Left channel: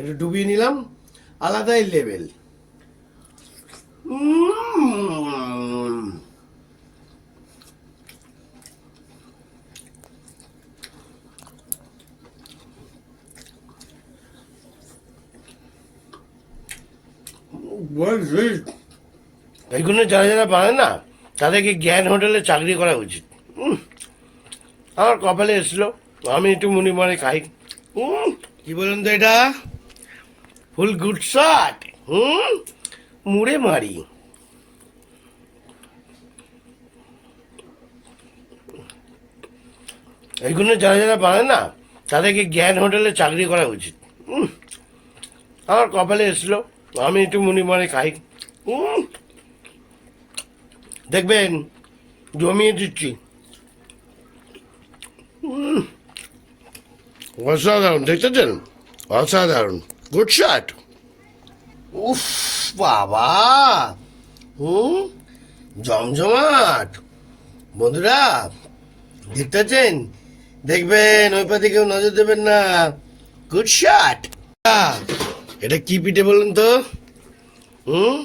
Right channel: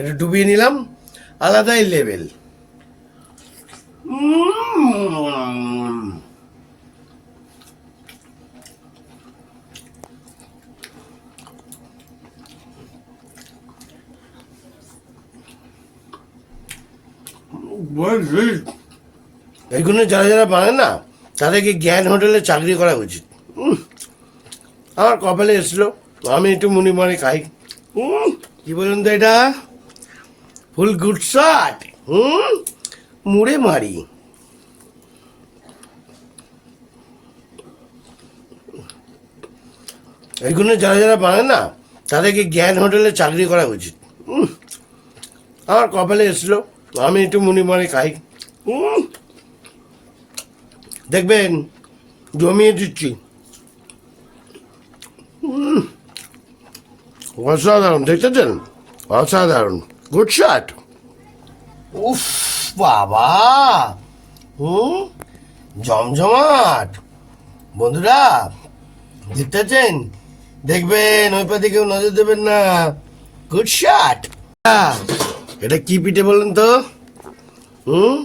একটু ডুবিয়ে নিলাম, আলাদাই লেভেল। এগুলো যারা যারা বানায় না, তাদেরকে জ্ঞান হোটেলে চাকরি করা উচিত। আমার কপালে এসলো, আমি একটু মুনি মারে খাই। কি বলুন তো এটা? ফুল গুড শট হুম? মুড়ে মারি। এগুলো যারা যারা বানায় না, তাদেরকে জ্ঞান হোটেলে চাকরি করা উচিত। আমার কপালে এসলো, আমি একটু মুনি মারে খাই। দেখবেন, জমিয়ে দিচ্ছি। অসাধারণ, দেখেছেন? অসাধারণ। Good shot. উফ, বাবা। হুম? জমজমাট। বন্ধুরা দেখতেছেন দেখবেন, ওই পাতে কেউ নজর দেবেন না। গুড শট এটা কি পিঠে বলুন তো? হুম?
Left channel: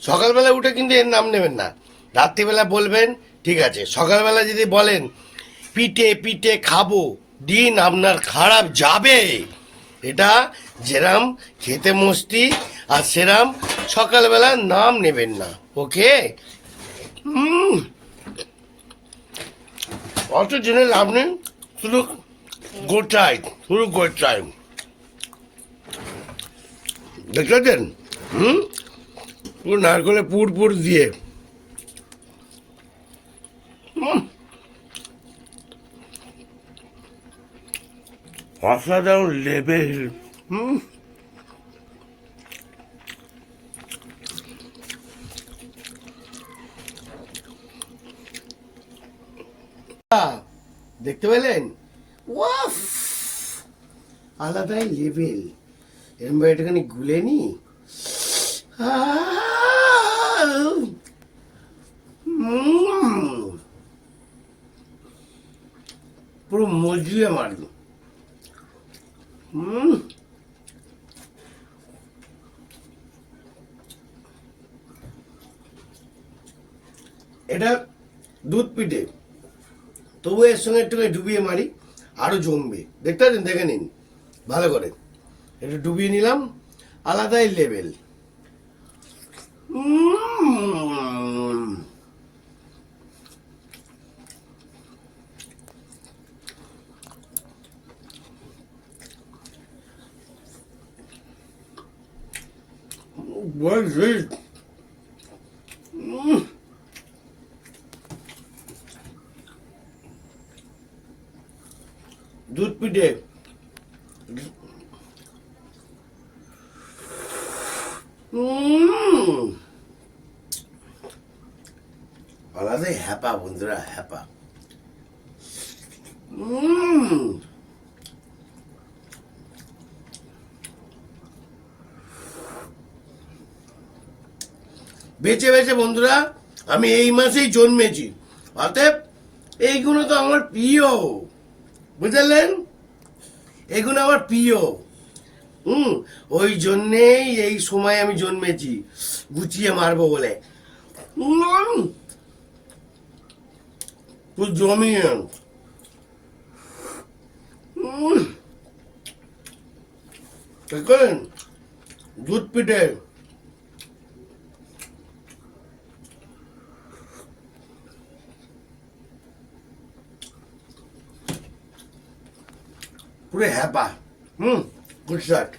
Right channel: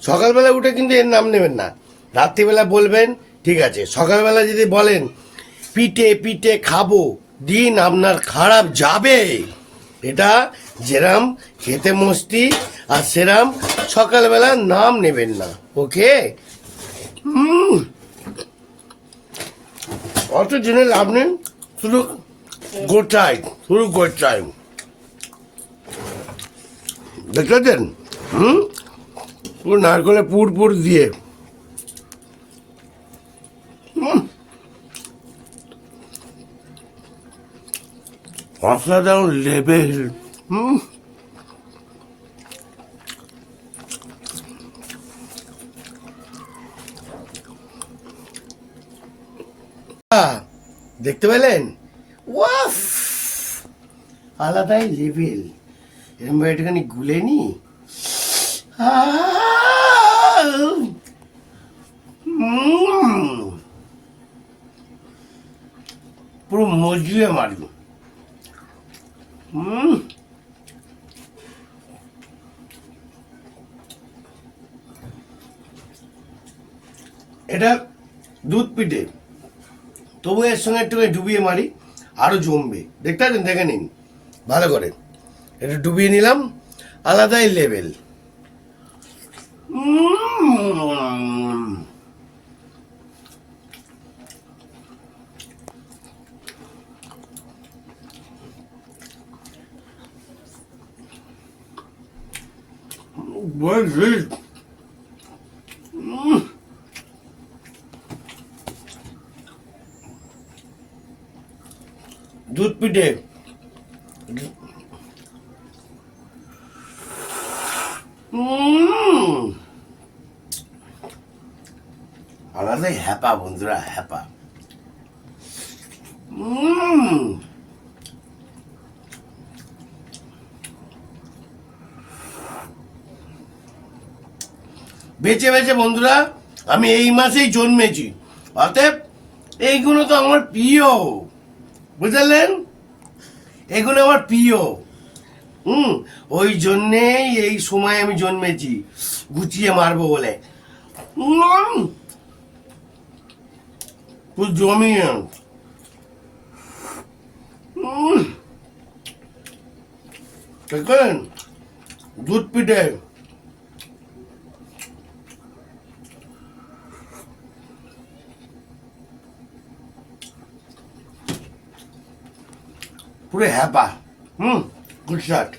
সকালবেলা উঠে কিন্তু এর নাম নেবেন না। রাত্রিবেলা বলবেন, ঠিক আছে। সকালবেলা যদি বলেন, পিঠে পিঠে খাব, দিন আপনার খারাপ যাবে। এটা যেরাম খেতে মস্তি আর সেরাম সকালবেলা নাম নেবেন না, ওকে? হুম। অত লাভ নেই শুধু গোটাই শুধু গোটাই দেখেছেন? হুম? পুরো নারকলে পুর পুর দিয়ে। উম। অসাধারণ লেভেল হুম দেখতে পেলেন? ওয়াফ! আলাদাই লেভেল এরকম একটুখানি গুলে নি। পুরো মজলিয়ে মারল। হুম এটা দুধ পিঠে। তবু এর সঙ্গে একটু ডুবিয়ে মারি, আরও জমবে। দেখতে পাচ্ছেন? দেখে নিন। ভালো করে। একটু ডুবিয়ে নিলাম। আলাদাই লেভেল What is this? দুধ পিঠে উম। আলাদাই হ্যাপা বন্ধুরা হ্যাপা উম। বেঁচে বেঁচে বন্ধুরা, আমি এই মাসেই জন্মেছি। অতএব এইগুলো তো আমার প্রিয়। বুঝলেন? এগুলো আমার প্রিয়। হুম? ওই জন্যেই এই সময় আমি জন্মেছি। গুছিয়ে মারবো বলে। জমিয়ে দুধ পিঠে পুরো হ্যাপা হুম গুড শার্ট